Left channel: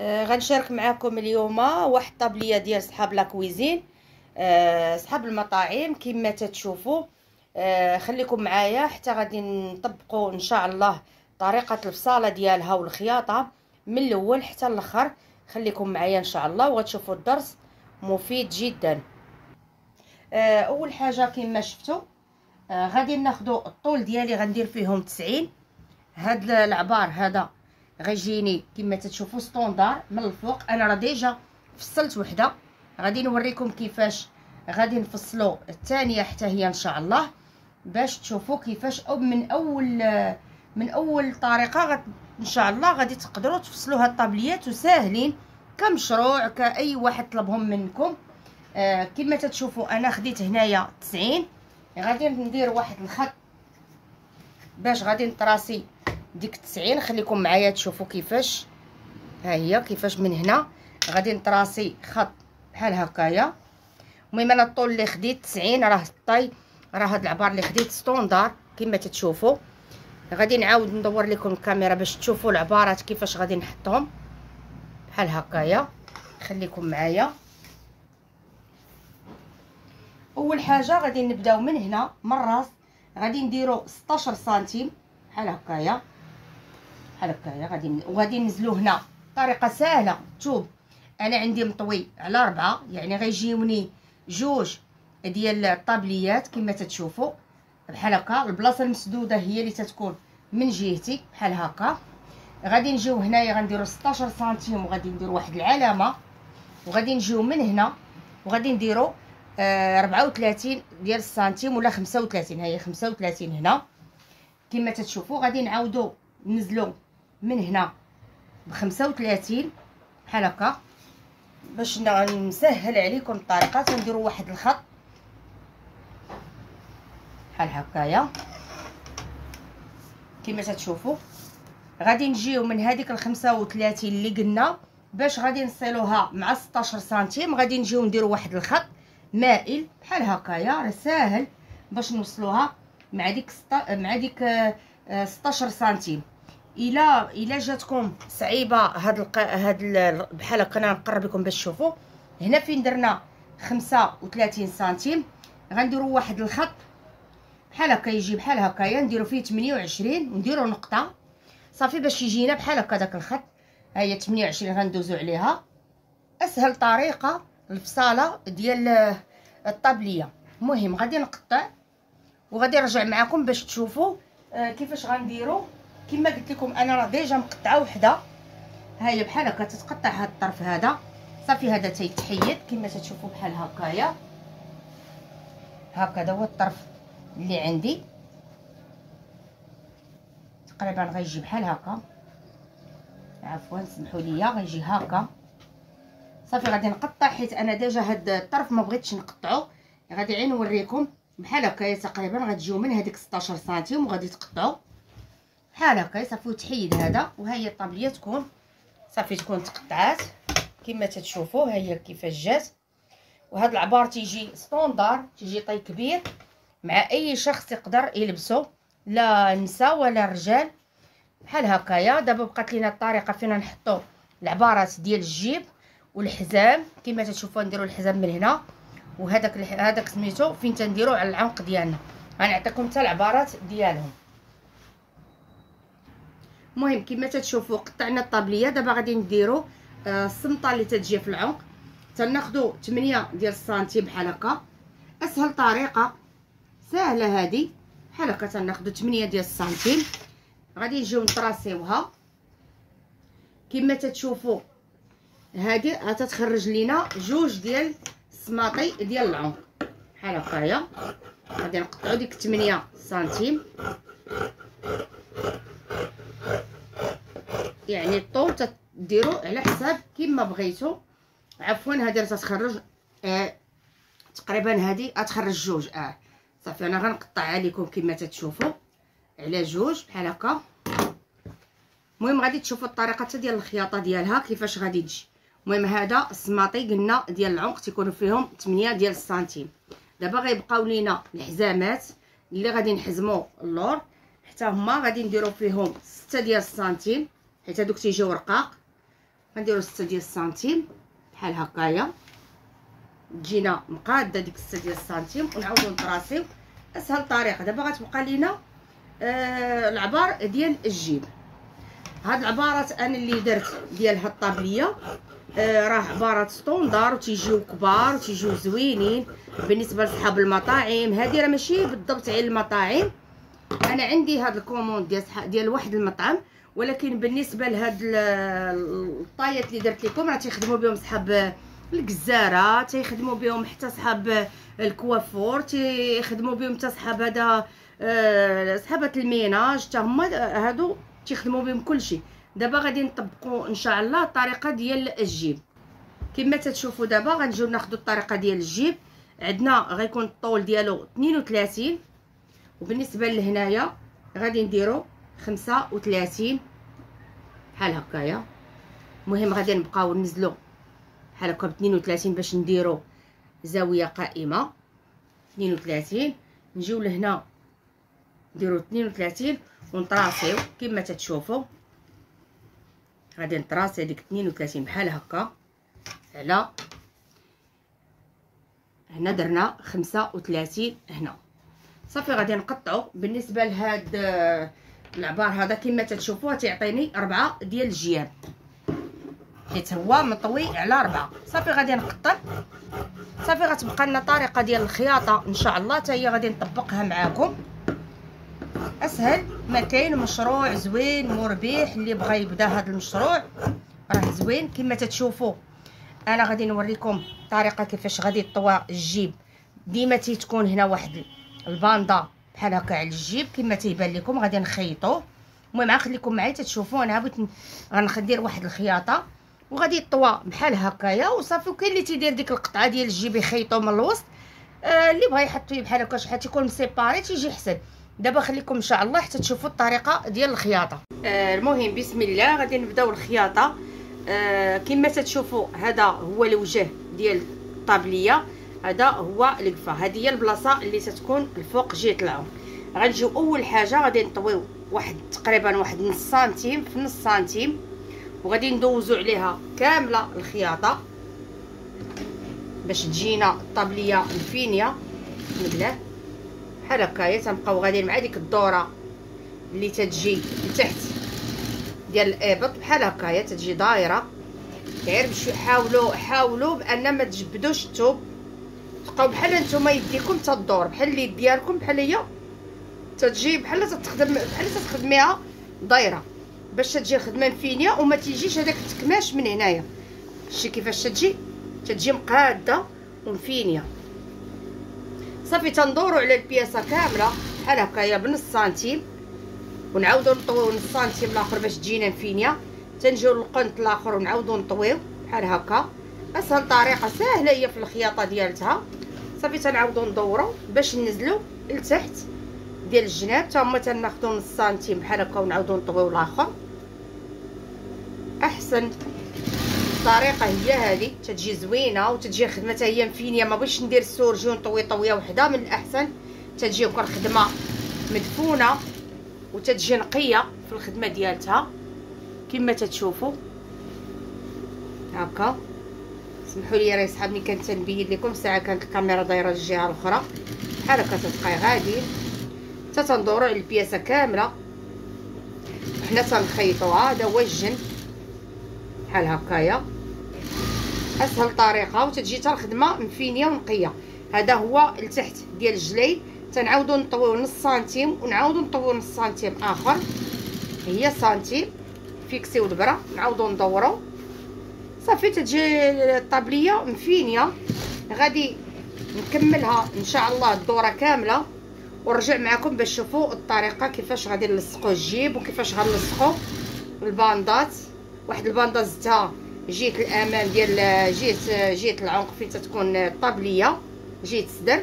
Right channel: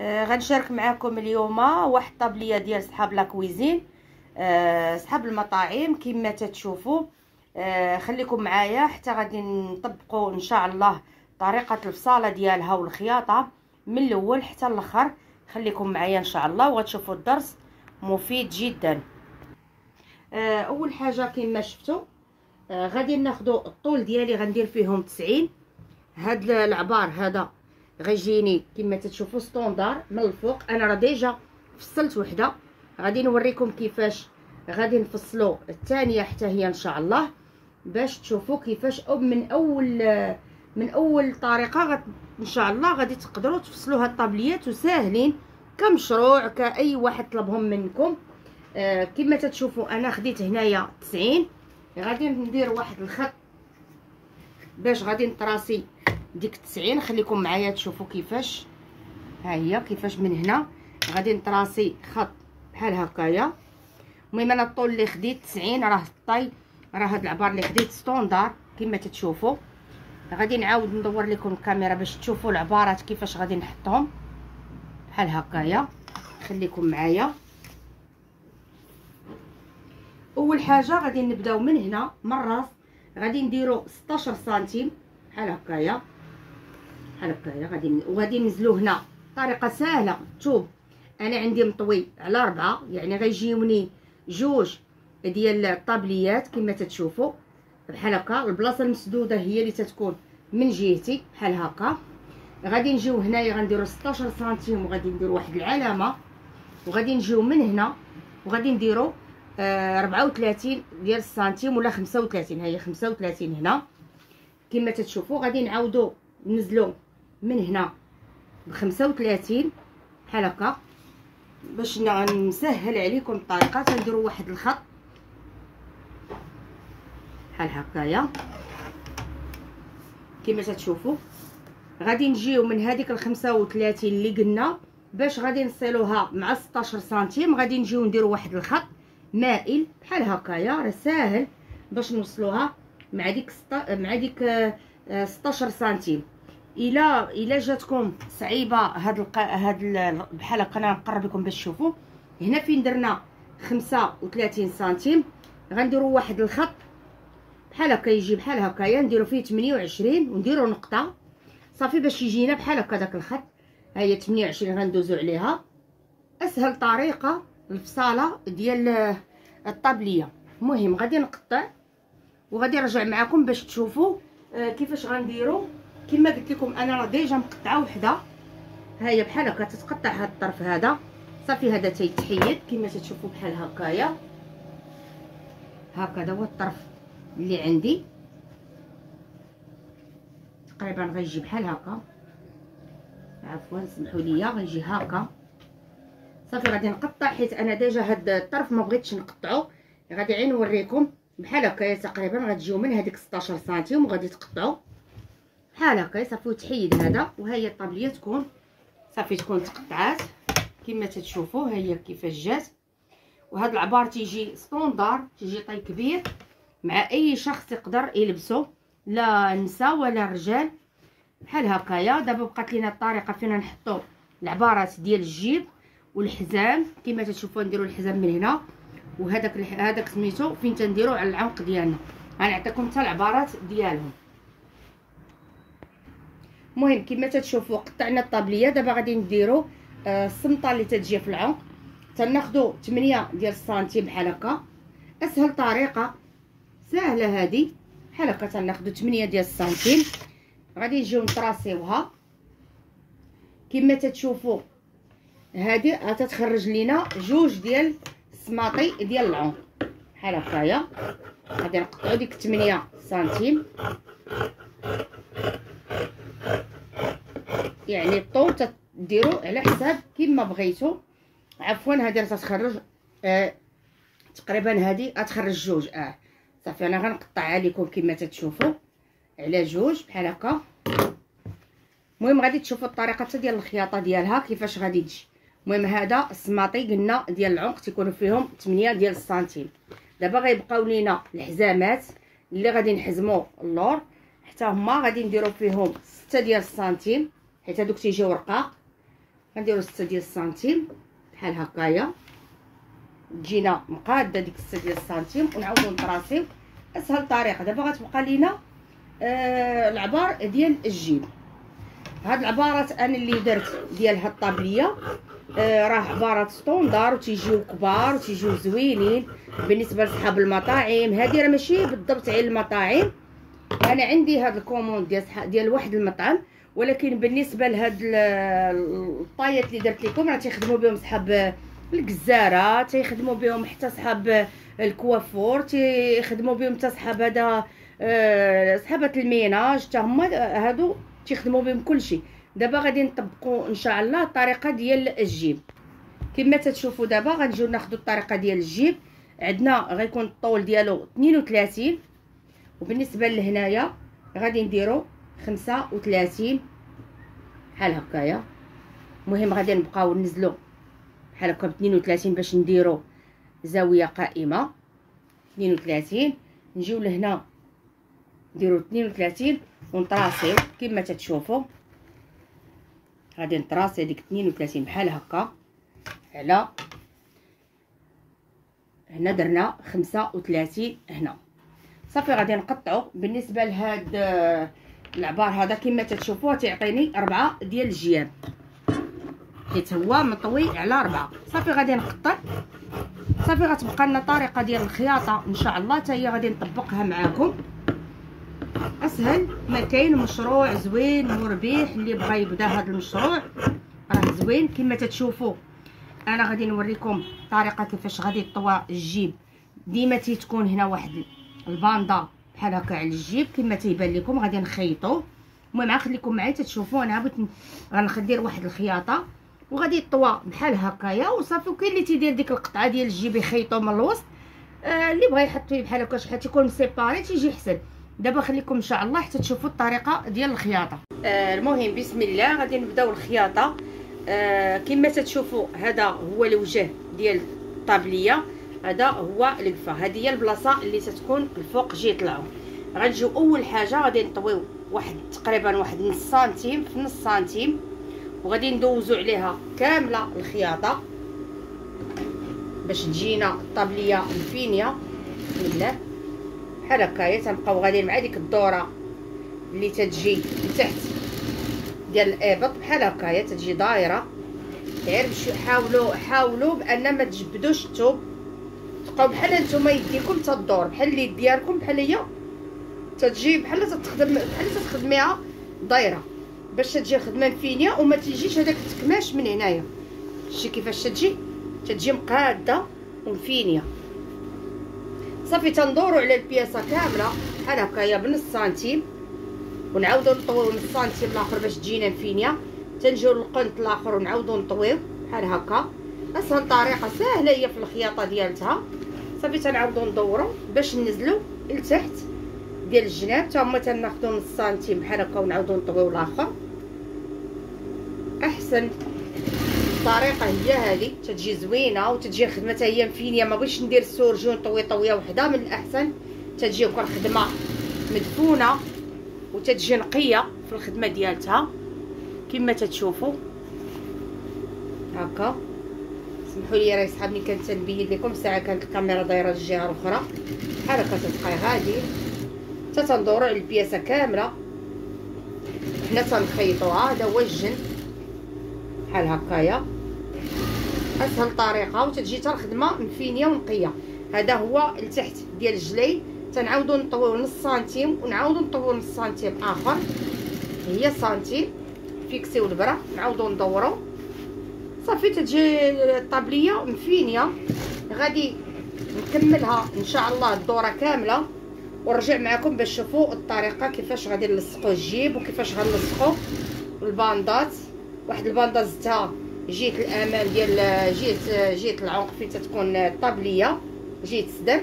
غنشارك معكم اليوم واحد الطابليه ديال صحاب لا كويزين، صحاب المطاعم كما تتشوفوا. خليكم معايا حتى غادي نطبقوا ان شاء الله طريقه الفصاله ديالها والخياطه من الاول حتى الاخر. خليكم معايا ان شاء الله وغتشوفوا الدرس مفيد جدا. اول حاجه كما شفتوا غادي ناخذوا الطول ديالي، غندير فيهم 90. هاد العبار هذا غيجيني كما تتشوفوا ستوندار من الفوق. انا راه ديجا فصلت وحده، غادي نوريكم كيفاش غادي نفصلوا الثانيه حتى هي ان شاء الله، باش تشوفوا كيفاش او من اول طريقه ان شاء الله غادي تقدروا تفصلوا هاد الطابليات وساهلين كمشروع كاي واحد طلبهم منكم. كما تتشوفوا انا خديت هنايا 90. غادي ندير واحد الخط باش غادي نطراسي ديك 90. خليكم معايا تشوفوا كيفاش، ها هي كيفاش من هنا غادي نطراسي خط بحال هكايا. المهم انا الطول اللي خديت 90 راه الطاي، راه هاد العبار اللي خديت ستوندار كما تتشوفوا. غادي نعاود ندور لكم الكاميرا باش تشوفوا العبارات كيفاش غادي نحطهم بحال هكايا. خليكم معايا. اول حاجه غادي نبداو من هنا من الراس، غادي نديرو 16 سنتيم بحال هكايا بحال هكايا. غادي ننزلو هنا طريقه سهله. شوف انا عندي مطوي على 4، يعني غيجيوني جوج ديال الطابليات كما تتشوفوا بحال هكا. البلاصه المسدوده هي اللي تتكون من جهتي بحال هكا. غادي نجيو هنايا غنديرو 16 سنتيم وغادي ندير واحد العلامه، وغادي نجيو من هنا وغادي نديرو 34 ديال السنتيم ولا 35. هي 35 هنا كما تتشوفوا. غادي نعاودو ننزلو من هنا ب 35 بحال هكا باش نسهل عليكم الطريقه. تنديروا واحد الخط بحال هكايا كما تتشوفوا. غادي نجيو من هذيك ال 35 اللي قلنا باش غادي نصلوها مع 16 سنتيم. غادي نجيو نديروا واحد الخط مائل بحال هكايا، راه ساهل باش نوصلوها مع ديك 16 سنتيم. الا جاتكم صعيبه هاد بحال هكا انا نقرب لكم باش تشوفوا. هنا فين درنا 35 سنتيم غنديروا واحد الخط بحال هكا يجي بحال هكايا، نديروا فيه 28، نديروا نقطه صافي باش يجينا بحال هكا داك الخط. ها هي 28 غندوزو عليها. اسهل طريقه الفصاله ديال الطابليه. المهم غادي نقطع وغادي نرجع معكم باش تشوفوا كيفاش غنديروا. كما قلت لكم انا راه ديجا مقطعه وحده، ها هي بحال هكا تتقطع هذا الطرف هذا صافي. هذا تيتحيد كما تتشوفوا بحال هكايا. هكذا هو الطرف اللي عندي تقريبا غيجي بحال هكا. عفوا سمحوا لي، غيجي هكا صافي. غادي نقطع حيت انا ديجا هاد الطرف ما بغيتش نقطعو. غادي غير نوريكم بحال هكايا. تقريبا غتجيو من هذيك 16 سنتيم وغادي تقطعوا بحال هكايا صافي وتحيد هذا. وها هي الطابليه تكون صافي تكون تقطعات كما تتشوفوا. ها هي كيفاش جات. وهاد العبار تيجي ستوندار، تيجي طي كبير مع اي شخص يقدر يلبسو، لا نساء ولا رجال بحال هكايا. دابا بقات لينا الطريقه فينا نحطو العبارات ديال الجيب والحزام كما تشوفوا. نديروا الحزام من هنا، وهذاك سميتو فين تنديروا على العنق ديالنا. غنعطيكم حتى العبارات ديالهم. المهم كما تشوفوا قطعنا الطابليه. دابا غادي نديروا الصمطه اللي تتجي في العنق. تناخذوا 8 ديال السنتيم بحال هكا. اسهل طريقه سهله هذه بحال هكا. تناخذوا 8 ديال السنتيم غادي نجيو نطراسيوها كما تتشوفوا. هذه غتخرج لينا جوج ديال السماطي ديال العنق بحال هكايا. غادي نقطعوا ديك 8 سنتيم، يعني الطول تديروا على حساب كما بغيتوا. عفوا هذه تتخرج تقريبا هذه غتخرج جوج صافي. انا غنقطعها لكم كما تتشوفوا على جوج بحال هكا. المهم غادي تشوفوا الطريقه حتى ديال الخياطه ديالها كيفاش غادي تجي. المهم هذا السماطي قلنا ديال العنق تيكونوا فيهم 8 ديال السنتيم. دابا غيبقاو لينا الحزامات اللي غادي نحزموا اللور، حتى هما غادي نديروا فيهم 6 ديال السنتيم حيت هذوك تيجيو رقاق. غنديرو 6 ديال السنتيم بحال هكايا، تجينا مقاده ديك 6 ديال السنتيم ونعاودو نطراسيو. اسهل طريقه دابا غتبقى لينا العبار ديال الجيب. هاد العبارات انا اللي درت ديال هاد الطابليه راه عبارات ستوندار وتيجيو كبار وتيجيو زوينين بالنسبه لصحاب المطاعم. هادي راه ماشي بالضبط على المطاعم، انا عندي هاد الكوموند ديال واحد المطعم، ولكن بالنسبه لهاد الطايات اللي درت لكم راه تيخدموا بهم صحاب الجزاره، تيخدموا بهم حتى صحاب الكوافور، تيخدموا بهم حتى صحاب هذا صحابات الميناج، حتى هما هادو تيخدموا بهم كلشي. دابا غادي نطبقوا ان شاء الله الطريقه ديال الجيب كما تتشوفوا. دابا غنجيو ناخذوا الطريقه ديال الجيب. عندنا غيكون الطول ديالو 32، وبالنسبه لهنايا غادي نديرو 35 بحال هكايا. المهم غادي نبقاو ننزلو بحال هكا ب 32 باش نديرو زاويه قائمه 32. نجيو لهنا نديرو 32 ونطراسيو كما تتشوفوا. غادي نطراسي هذيك 32 بحال هكا على هنا، درنا 35 هنا صافي. غادي نقطعو. بالنسبه لهاد العبار هذا كما تتشوفوه تيعطيني 4 ديال الجياب، حيت هو مطوي على 4 صافي. غادي نقطع صافي. غتبقى لنا طريقه ديال الخياطه ان شاء الله حتى هي غادي نطبقها معاكم. اسهل ما كاين، مشروع زوين مربح. اللي بغى يبدا هذا المشروع راه زوين كما تتشوفوا. انا غادي نوريكم طريقه كيفاش غادي يطوى الجيب. ديما تكون هنا واحد الباندا بحال هكا على الجيب كما تيبان لكم. غادي نخيطو. المهم خليكم معايا تتشوفوا. انا بغيت غندير واحد الخياطه وغادي يطوى بحال هكايا وصافي. وكاين اللي تيدير ديك القطعه ديال الجيب يخيطو من الوسط، اللي بغى يحط فيه بحال هكا شحال تيكون سيباري تيجي حسن. دابا خليكم ان شاء الله حتى تشوفوا الطريقه ديال الخياطه. المهم بسم الله غادي نبداو الخياطه. كما تتشوفوا هذا هو الوجه ديال الطابليه، هذا هو القفا، هذه هي البلاصه اللي تتكون الفوق جهه العنق. غنجيو اول حاجه غادي نطويو واحد تقريبا واحد نص سنتيم في نص سنتيم، وغادي ندوزو عليها كامله الخياطه باش تجينا الطابليه مفينيه بسم الله بحال هكايا. تنبقاو غاديين مع ديك الدوره اللي تتجي لتحت ديال الابط بحال هكايا، تتجي دايره. غير باش حاولوا بان ما تجبدوش الثوب، تبقاو بحال نتوما يديكم تدور بحال اليد ديالكم بحال هي تتجي بحال تخدميها دايره باش تجي الخدمه مفينيه وما تيجيش هذاك التكماش من هنايا. شتي كيفاش تجي مقاده ومفينيه صافي. تندوروا على البياسه كامله بحال هكايا بنص سنتيم، ونعاودوا نطويو نص سنتيم الاخر باش تجينا مفينيه. تنجيو للقنت الاخر ونعاودوا نطويو بحال هكا. اسهل طريقه سهله هي في الخياطه ديالتها صافي. تنعاودوا ندوروا باش ننزلوا لتحت ديال الجناب حتى هما تناخذوا نص سنتيم بحال هكا ونعاودوا نطويو الاخر. احسن طريقه هي هذه، تتجي زوينه وتتجي الخدمه حتى هي مفينيه. ما بغيتش ندير السورجي ونطوي طويه وحده، من الاحسن تتجي هكا الخدمه مدفونه وتتجي نقيه في الخدمه ديالتها كما تتشوفوا هكا. سمحوا لي راه يسحبني كنت تنبين لكم ساعه كانت الكاميرا دايره الجهه الاخرى بحال هكا. تتبقاي غادي حتى تندوروا على البياسه كامله. حنا تنخيطوها، هذا هو الجن بحال هكايا. اسهل طريقه وتتجي حتى الخدمه مفينيه ونقيه. هذا هو لتحت ديال الجلي. تنعاودوا نطويو نص سنتيم ونعاودوا نطويو نص سنتيم اخر، هي سنتيم فيكسيو البره. نعاودوا ندوروا صافي تتجي الطابليه مفينيه. غادي نكملها ان شاء الله الدوره كامله ونرجع معكم باش تشوفوا الطريقه كيفاش غادي نلصقوا الجيب وكيفاش غنلصقوا الباندات. واحد الباندا زدتها جهه الامام ديال جهه العنق فين تتكون الطابليه جهه الصدر.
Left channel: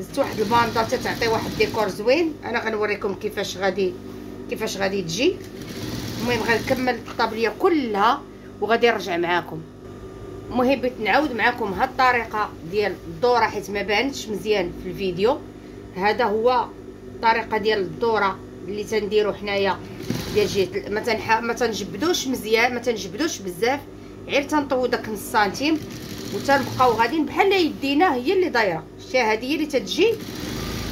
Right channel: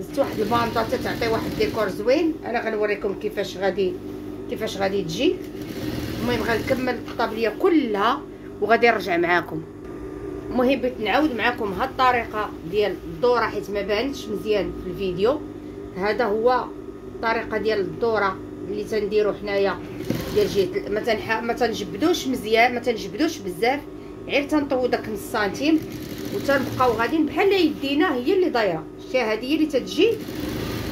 زدت واحد الباندا تتعطي واحد ديكور زوين. انا غنوريكم كيفاش غادي تجي. المهم غنكمل الطابليه كلها وغادي نرجع معاكم. المهم بغيت نعاود معكم هاد الطريقه ديال الدوره حيت ما بانتش مزيان في الفيديو. هذا هو الطريقه ديال الدوره اللي تنديرو حنايا ديال جهه ما تنجبدوش مزيان، ما تنجبدوش بزاف غير تنطوي داك نص سنتيم وتنبقاو غاديين بحال يدينا هي اللي دايره. شتي هذه هي اللي تتجي،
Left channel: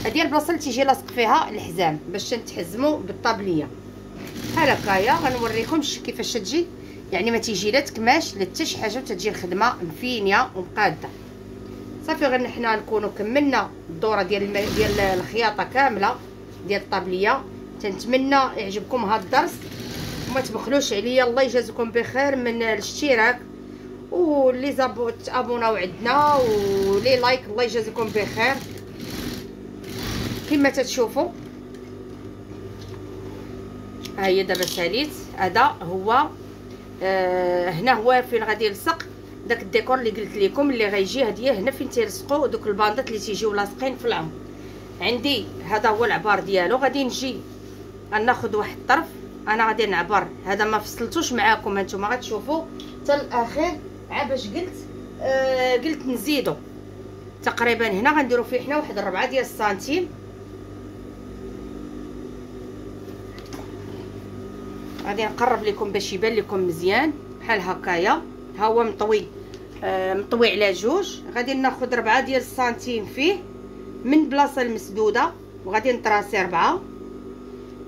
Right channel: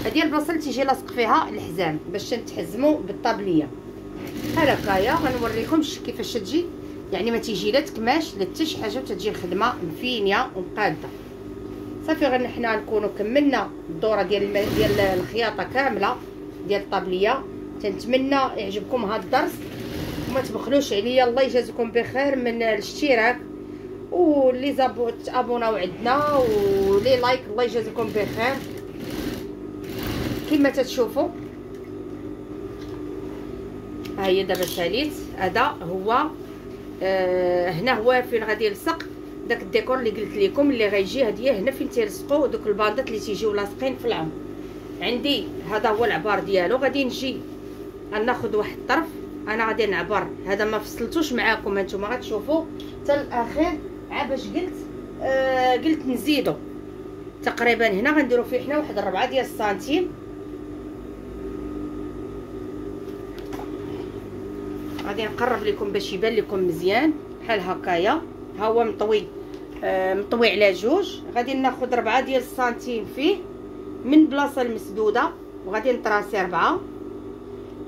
هذه البلاصه اللي تيجي لاصق فيها الحزام باش تنتحزموا بالطابليه بحال هكايا. غنوريكم كيفاش تجي، يعني ما تيجي لا تكماش لا حتى شي حاجه، وتجي الخدمه مفينيه ومقاده. صافي غير حنا نكونوا كملنا الدوره ديال الخياطه كامله ديال الطابليه. تنتمنى يعجبكم هذا الدرس وما تبخلوش عليا. الله يجازيكم بخير من الاشتراك واللي ابوناو عندنا ولي لايك، الله يجازيكم بخير. كما تتشوفوا ها هي دابا ساليت. هذا هو هنا هو فين غادي يلصق داك الديكور اللي قلت لكم اللي غيجي. هادي هنا فين تيلصقوا دوك الباندات اللي تيجيو لاصقين في العمق. عندي هذا هو العبار ديالو. غادي نجي ناخذ واحد الطرف، انا غادي نعبر. هذا ما فصلتوش معاكم، هانتوما غتشوفوا حتى الاخير عا باش قلت نزيدو تقريبا. هنا غنديروا فيه حنا واحد 4 ديال السنتيم. غادي نقرب لكم باش يبان لكم مزيان بحال هكايا. ها هو مطوي على 2. غادي ناخذ 4 ديال السنتيم فيه من بلاصه المسدوده وغادي نطراسي 4.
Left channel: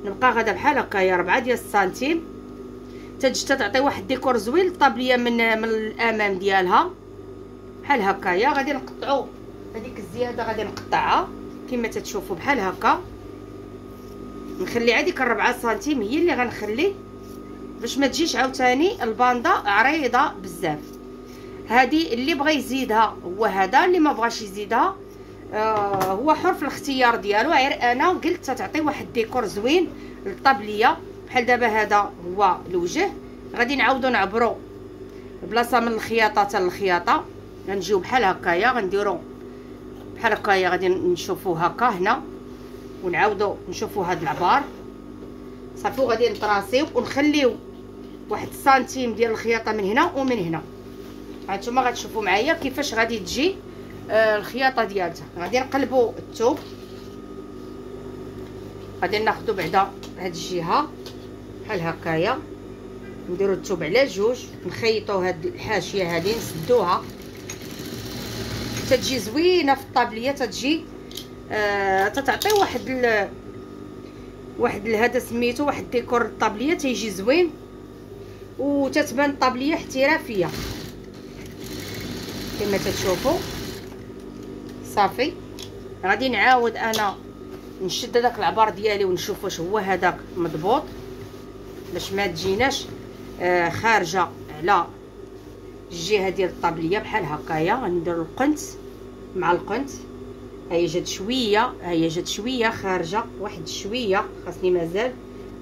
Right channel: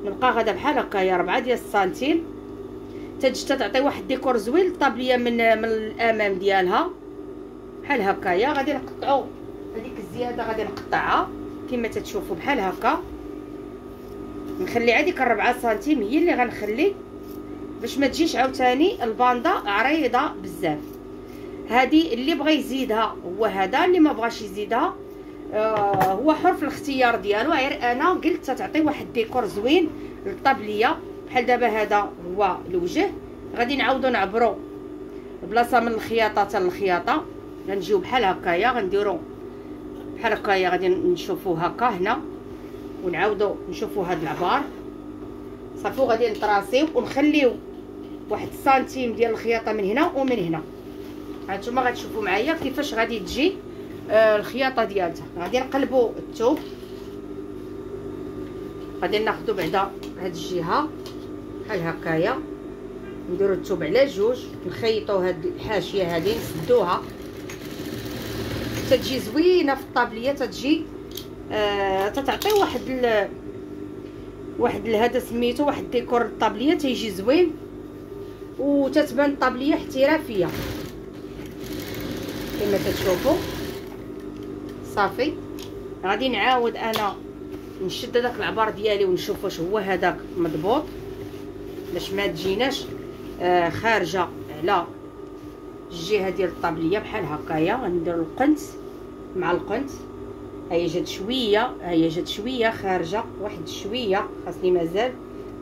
نبقى غادا بحال هكايا 4 ديال السنتيم. تجي تعطي واحد الديكور زوين للطابليه من الامام ديالها بحال هكايا. غادي نقطعوا هذيك الزياده، غادي نقطعها كما تتشوفوا بحال هكا. نخلي هذيك 4 سنتيم هي اللي غنخلي باش ما تجيش عاوتاني الباندا عريضه بزاف. هذه اللي بغى يزيدها هو هذا، اللي ما بغاش يزيدها هو حر في الاختيار ديالو. غير انا قلت تعطي واحد الديكور زوين للطابليه. بحال دابا هذا هو الوجه. غادي نعاودو نعبرو البلاصه من الخياطه حتى للخياطه. غنجيو بحال هكايا، غنديرو بحال هكايا. غادي نشوفو هكا هنا ونعاودو نشوفو هاد العبار. صافي غادي نطراسيو ونخليو واحد سنتيم ديال الخياطه من هنا ومن هنا. هانتوما غتشوفوا معايا كيفاش غادي تجي الخياطه ديالتها. غادي نقلبوا الثوب، غادي ناخذوا بعدا هاد الجهه بحال هكايا. نديروا الثوب على 2، نخيطوا هاد الحاشيه هذه نسدوها. تتجي زوينه في الطابليه، تتجي تتعطي واحد هذا سميتو واحد الديكور الطابليه تيجي زوين وتتبان الطابليه احترافيه كما تتشوفوا. صافي غادي نعاود انا نشد داك العبار ديالي ونشوف واش هو هذاك مضبوط باش ما تجيناش خارجه على الجهه ديال الطابليه بحال هكايا. غندير القنت مع القنت. هي جات شويه خارجه، واحد شويه خاصني مازال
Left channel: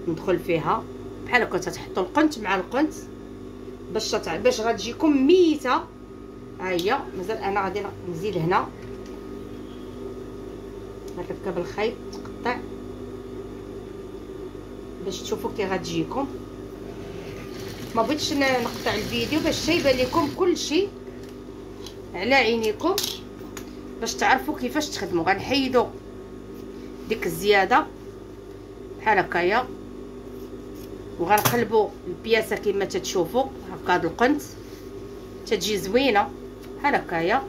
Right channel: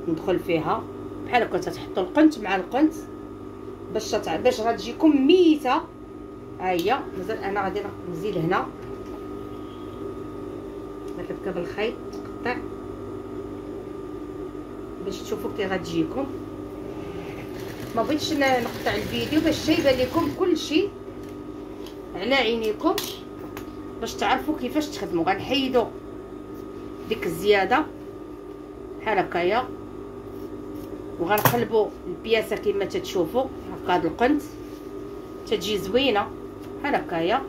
ندخل فيها بحال هكا. تتحطوا القنت مع القنت باش غتجيكم ميته. ها هي مازال انا غادي نزيد هنا هكا بالخيط تقطع باش تشوفوا كي غتجيكم. ما بغيتش نقطع الفيديو باش يبان لكم كلشي على عينيكم باش تعرفوا كيفاش تخدموا. غنحيدوا ديك الزياده بحال هكايا وغنقلبوا البياسه كما تتشوفوا هكا. هاد القنت تتجي زوينه بحال هكايا.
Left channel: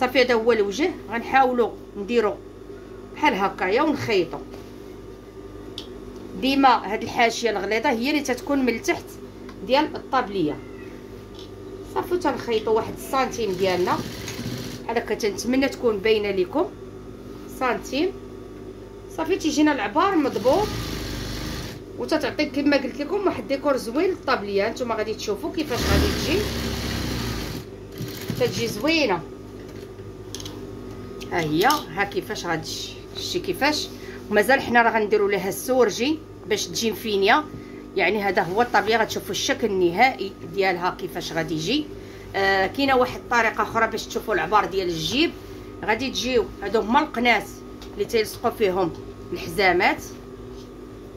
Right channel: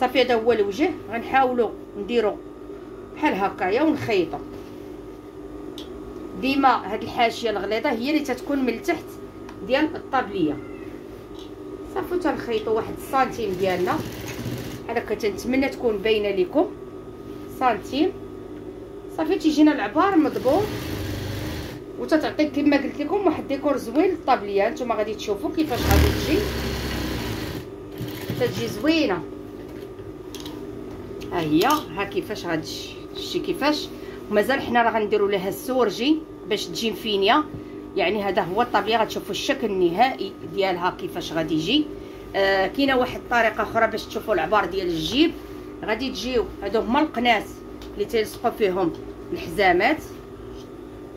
صافي هذا هو الوجه. غنحاولوا نديروا بحال هكايا ونخيطوا. ديما هاد الحاشيه الغليظه هي اللي تتكون من التحت ديال الطابليه. صافي تنخيطوا واحد السنتيم ديالنا بحال هكا. تنتمنى تكون باينه لكم سنتيم. صافي تيجينا العبار مضبوط وتتعطي كما قلت لكم واحد الديكور زوين للطابليه. نتوما غادي تشوفوا كيفاش غادي تجي زوينه. ها هي ها كيفاش غتجي. شتي كيفاش. ومازال حنا راه غنديروا لها السورجي باش تجي مفينيه. يعني هذا هو الطابليه. غتشوفوا الشكل النهائي ديالها كيفاش غادي يجي. كاينه واحد الطريقه اخرى باش تشوفوا العبار ديال الجيب. غادي تجيو هادو هما القنات اللي تيلصقوا فيهم الحزامات.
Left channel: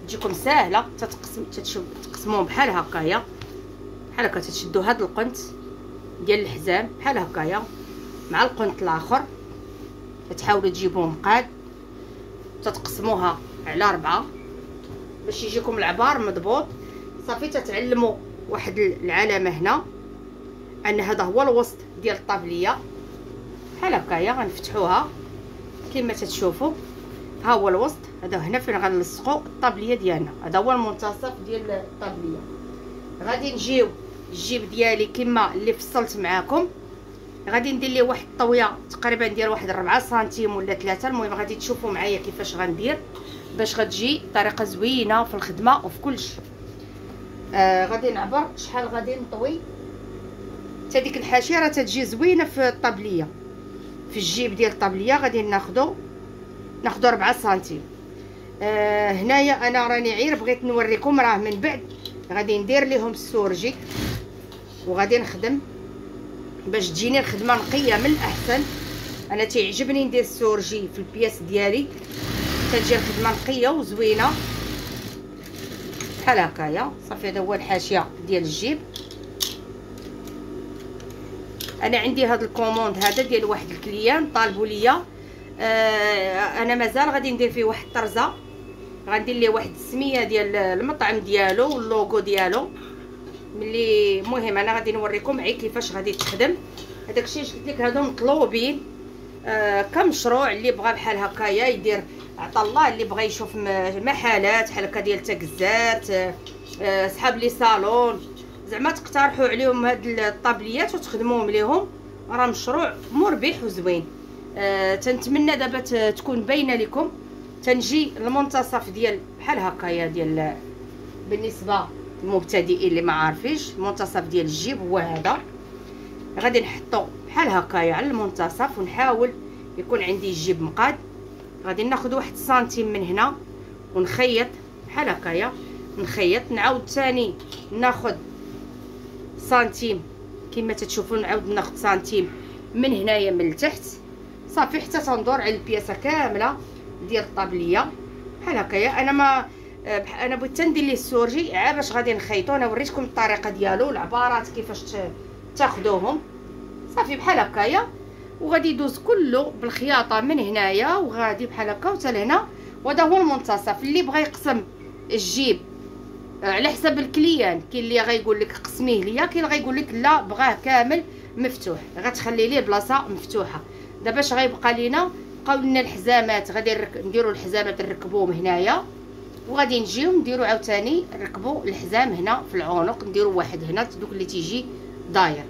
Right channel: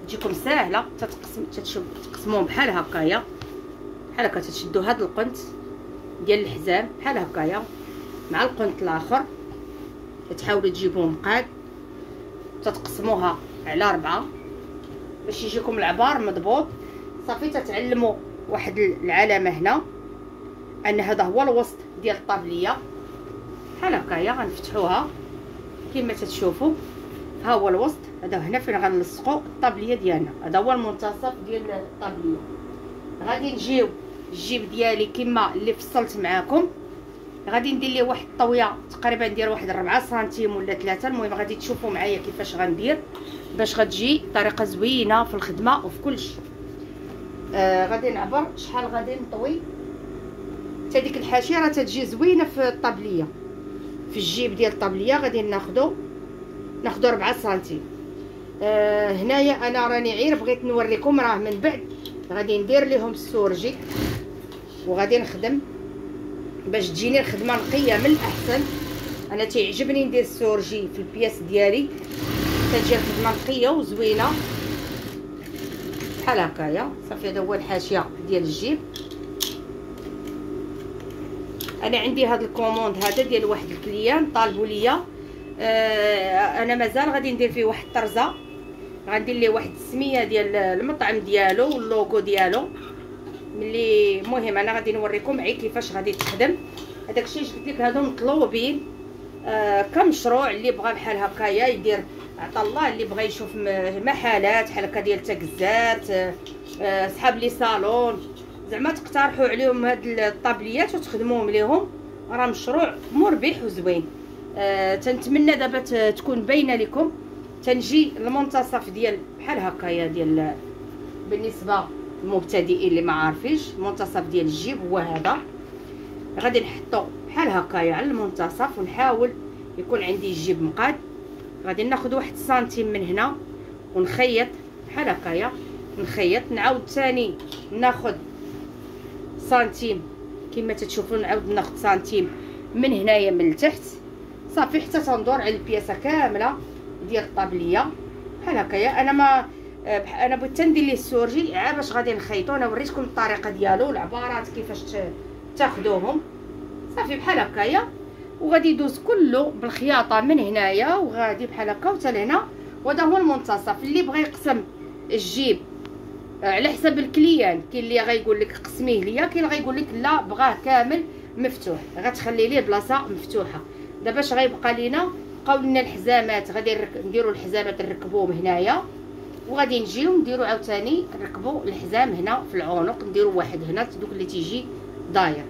تجيكم ساهله. تقسموهم بحال هكايا بحال هكا. تشدوا هاد القنت ديال الحزام بحال هكايا مع القنت الاخر. تحاولوا تجيبوه مقاد. تتقسموها على 4 باش يجيكم العبار مضبوط. صافي تتعلموا واحد العلامه هنا ان هذا هو الوسط ديال الطابليه بحال هكايا. غنفتحوها كما تتشوفوا، ها هو الوسط. هذا هنا فين غنلصقوا الطابليه ديالنا، هذا هو المنتصف ديال الطابليه. غادي نجيو الجيب ديالي كما اللي فصلت معاكم، غادي ندير ليه واحد الطويه تقريبا ندير واحد 4 سنتيم ولا 3. المهم غادي تشوفوا معايا كيفاش غندير باش غتجي طريقه زوينه في الخدمه وفي كلشي. غادي نعبر شحال غادي نطوي حتى ديك الحاشيه راه تتجي زوينه في الطابليه. في الجيب ديال الطابليه غادي ناخذوا 4 سنتيم. هنايا انا راني غير بغيت نوريكم، راه من بعد غادي ندير ليهم السورجي وغادي نخدم باش تجيني الخدمه نقيه من الاحسن. انا تيعجبني ندير السورجي في البياس ديالي تجي الخدمه نقيه وزوينه بحال هكايا. صافي هذا هو الحاشيه ديال الجيب. انا عندي هذا الكوموند هذا ديال واحد الكليان طالبوا ليا، انا مازال غادي ندير فيه واحد الطرزه، غندير ليه واحد السميه ديال المطعم ديالو واللوغو ديالو. ملي المهم انا غادي نوريكم عي كيفاش غادي تخدم. هذاك الشيء قلت لك هادو مطلوبين كمشروع اللي بغى بحال هكايا يدير. عطا الله اللي بغى يشوف محلات بحال هكا ديال تاكزات، صحاب لي صالون، زعما تقترحوا عليهم هاد الطابليات وتخدموهم ليهم. راه مشروع مربح وزوين. تنتمنى دابا تكون باينه لكم. تنجي المنتصف ديال بحال هكايا ديال بالنسبه للمبتدئين اللي ما عارفينش. المنتصف ديال الجيب هو هذا. غادي نحطو بحال هكايا على المنتصف ونحاول يكون عندي الجيب مقاد. غادي ناخذ 1 سنتيم من هنا ونخيط بحال هكايا، نخيط. نعاود ثاني ناخذ سنتيم كما تتشوفوا، نعاود ناخذ سنتيم من هنايا من التحت. صافي حتى تندور على البياسه كامله ديال الطابليه بحال هكايا. انا بغيت ندير ليه السورجي عا باش غادي نخيطو. انا وريتكم الطريقه ديالو العبارات كيفاش تاخذوهم. صافي بحال هكايا. وغادي يدوز كله بالخياطه من هنايا وغادي بحال هكا وتا لهنا. وهذا هو المنتصف. اللي بغى يقسم الجيب على حساب الكليان، كاين اللي غايقول لك قسميه ليا، كاين اللي غايقول لك لا بغاه كامل مفتوح، غتخلي ليه البلاصه مفتوحه. دابا اش غيبقى لينا؟ بقاو لنا الحزامات. غادي نديروا الحزامات نركبوهم هنايا، وغادي نجيو نديروا عاوتاني نركبوا الحزام هنا في العنق، نديروا واحد هنا دوك اللي تيجي داير.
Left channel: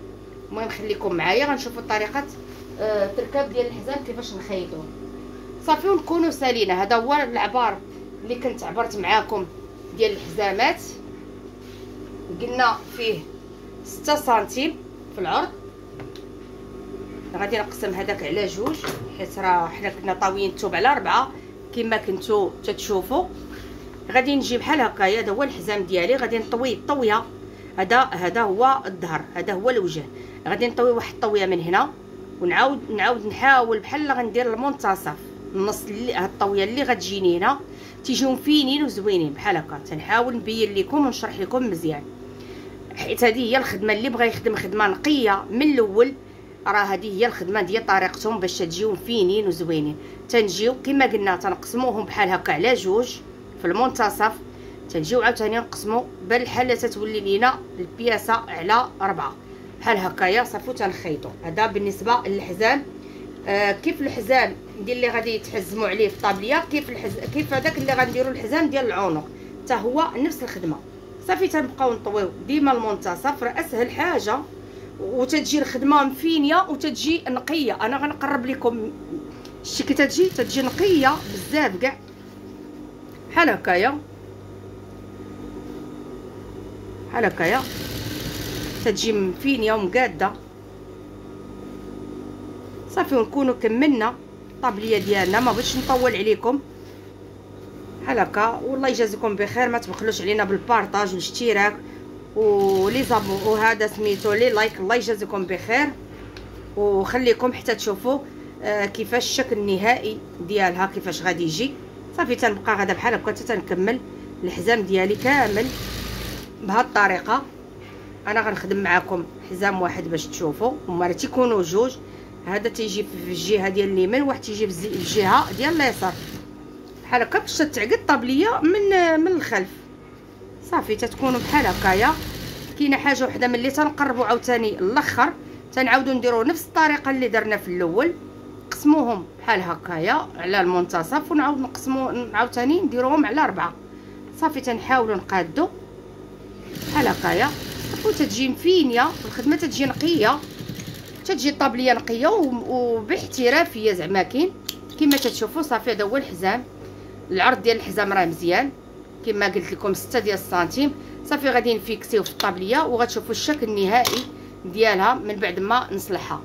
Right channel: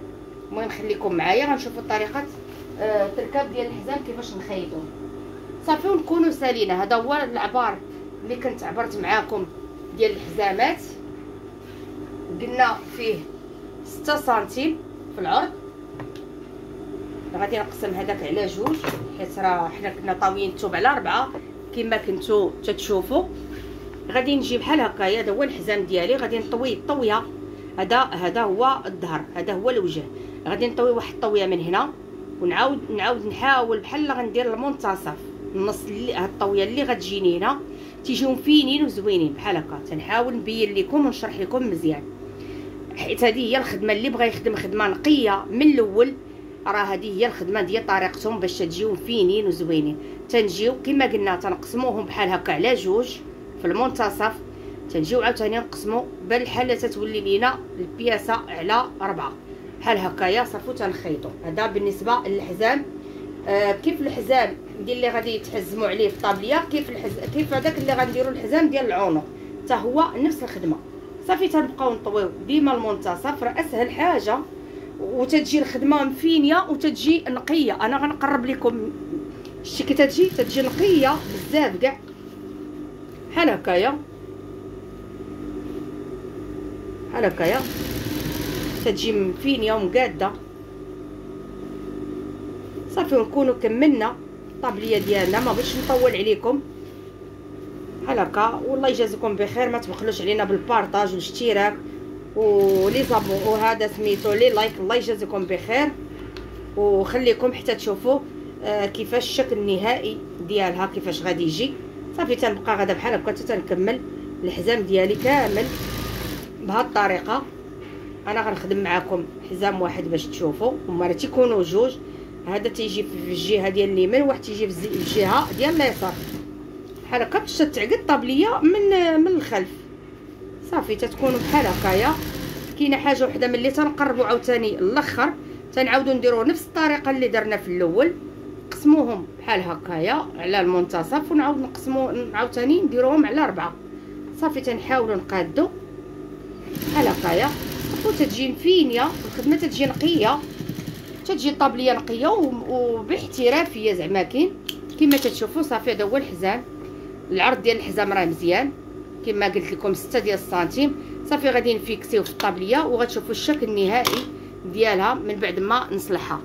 المهم خليكم معايا غنشوفوا طريقه تركاب ديال الحزام كيفاش نخيطوه. صافي ونكونوا سالينا. هذا هو العبار اللي كنت عبرت معاكم ديال الحزامات. قلنا فيه 6 سنتيم في العرض. غادي نقسم هذاك على 2 حيت راه حنا كنا طاويين الثوب على 4 كما كنتو تتشوفوا. غادي نجي بحال هكايا. هذا هو الحزام ديالي. غادي نطوي الطويه. هذا هو الظهر، هذا هو الوجه. غادي نطوي واحد الطويه من هنا ونعاود نحاول بحال غندير المنتصف النص. اللي هاد الطويه اللي غتجيني هنا تيجيو فينين وزوينين بحال هكا. تنحاول نبين لكم ونشرح لكم مزيان، حيت هذه هي الخدمه. اللي بغى يخدم خدمه نقيه من الاول راه هذه هي الخدمه ديال طريقتهم باش تجيو فينين وزوينين. تنجيو كما قلنا تنقسموهم بحال هكا على 2 في المنتصف. تنجيو عاوتاني نقسمو بالحاله تتولي لينا البياسه على 4 بحال هكايا. صافي تنخيطو. هذا بالنسبه للحزام. كيف الحزام ديال اللي غادي يتحزموا عليه في الطابليه، كيف هذاك اللي غنديروا الحزام ديال العنق حتى هو نفس الخدمه. صافي تنبقاو نطويو ديما المنتصف، راه اسهل حاجه وتتجي الخدمه مفينيه وتتجي نقيه. انا غنقرب لكم شتي كي تتجي نقيه بزاف كاع بحال هكايا. بحال هكايا تتجي مفينيه ومقاده. صافي ونكونوا كملنا الطابليه ديالنا. ما بغيتش نطول عليكم بحال هكا. والله يجازيكم بخير. ما تبخلوش علينا بالبارطاج والاشتراك ولي زابون وهذا سميتو لي لايك. الله يجازيكم بخير وخليكم حتى تشوفوا كيفاش الشكل النهائي ديالها كيفاش غادي يجي. صافي تنبقى غادا بحال هكا حتى تنكمل الحزام ديالي كامل بهذه الطريقه. انا غنخدم معكم حزام واحد باش تشوفوا، هما راه تيكونوا 2. هذا تيجي في الجهه ديال اليمين وواحد تيجي في الجهه ديال اليسار بحال هكا باش تعقد الطابليه من الخلف. صافي تتكونوا بحال هكايا كاينه حاجه وحده ملي تنقربوا عاوتاني الاخر تنعاودوا نديروا نفس الطريقه اللي درنا في الاول، نقسموهم بحال هكايا على المنتصف ونعاود نقسموا عاوتاني نديروهم على 4. صافي تنحاولوا نقادوا بحال هكايا وتتجي مفينيه الخدمه، تتجي نقيه، تتجي الطابليه نقيه وباحترافيه زعما كما تتشوفوا. صافي هذا هو الحزام. العرض ديال الحزام راه مزيان كما قلت لكم 6 ديال السنتيم. صافي غادي نفيكسيو في الطابليه وغتشوفوا الشكل النهائي ديالها من بعد ما نصلحها.